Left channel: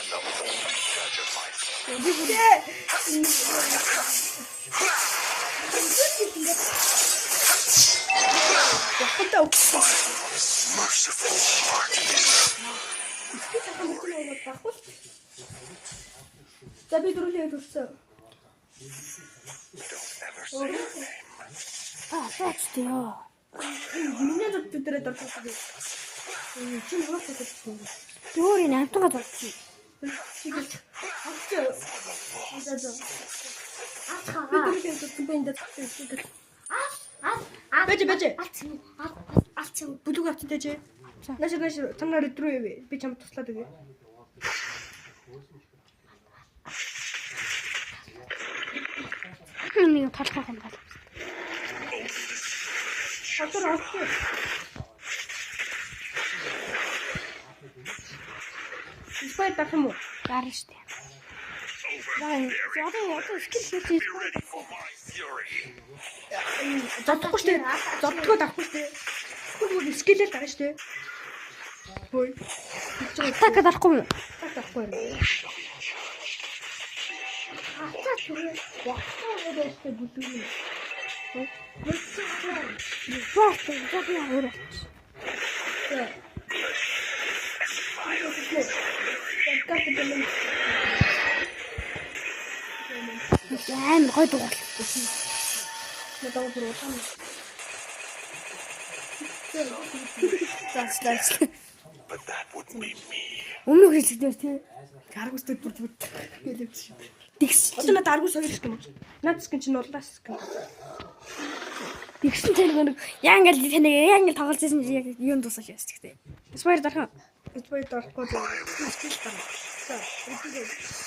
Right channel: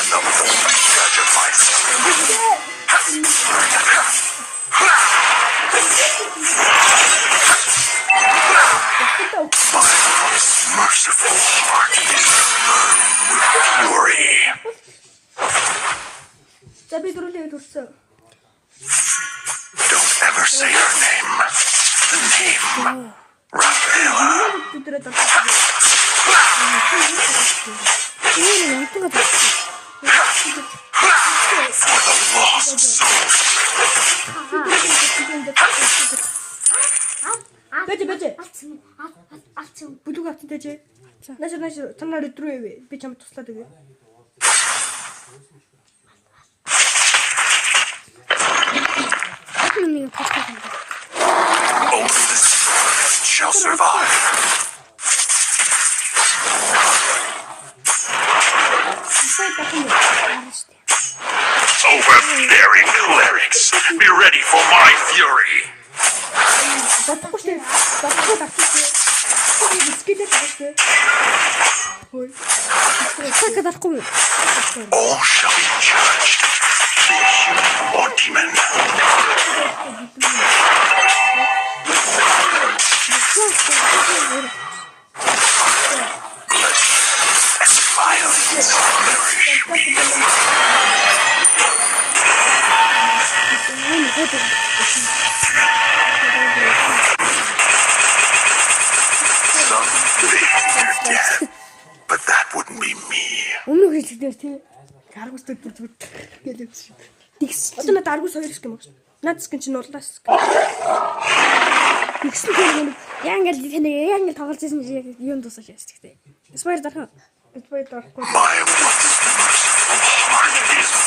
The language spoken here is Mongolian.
am the ultimate judge of myself. My merciful heart is fury. Don't ever say her name. The name Raphael. For the lost souls. Бэж. Бүлэг авсан дэж. Нааш танаар өдрөө ивэ. Би чамд туслаад өгье. Нэг подкаст. Only the strongest shall survive. Overbearing clerics, be ready for my fury. Дотгош штэ. Дотгоо татчихээ. Скелет таашгүй. Хөөе. Сакад арахгүй юу? All shall be judged, be it human or demon. Blood and violence nourish me. But that wouldn't be me. Өмнөх хэлсээр тий. Аргус төрж бүт гэлээч. Тэгс. Одоо надад аргус хоёр гэх юм уу? Надад скин чинь уулаас. Тэгсэн тийм нэг яа ингээл тоглолцсон яг юун тусах яс гэхдээ. Спайр дарах. Спайр дарахгүй. My merciful heart is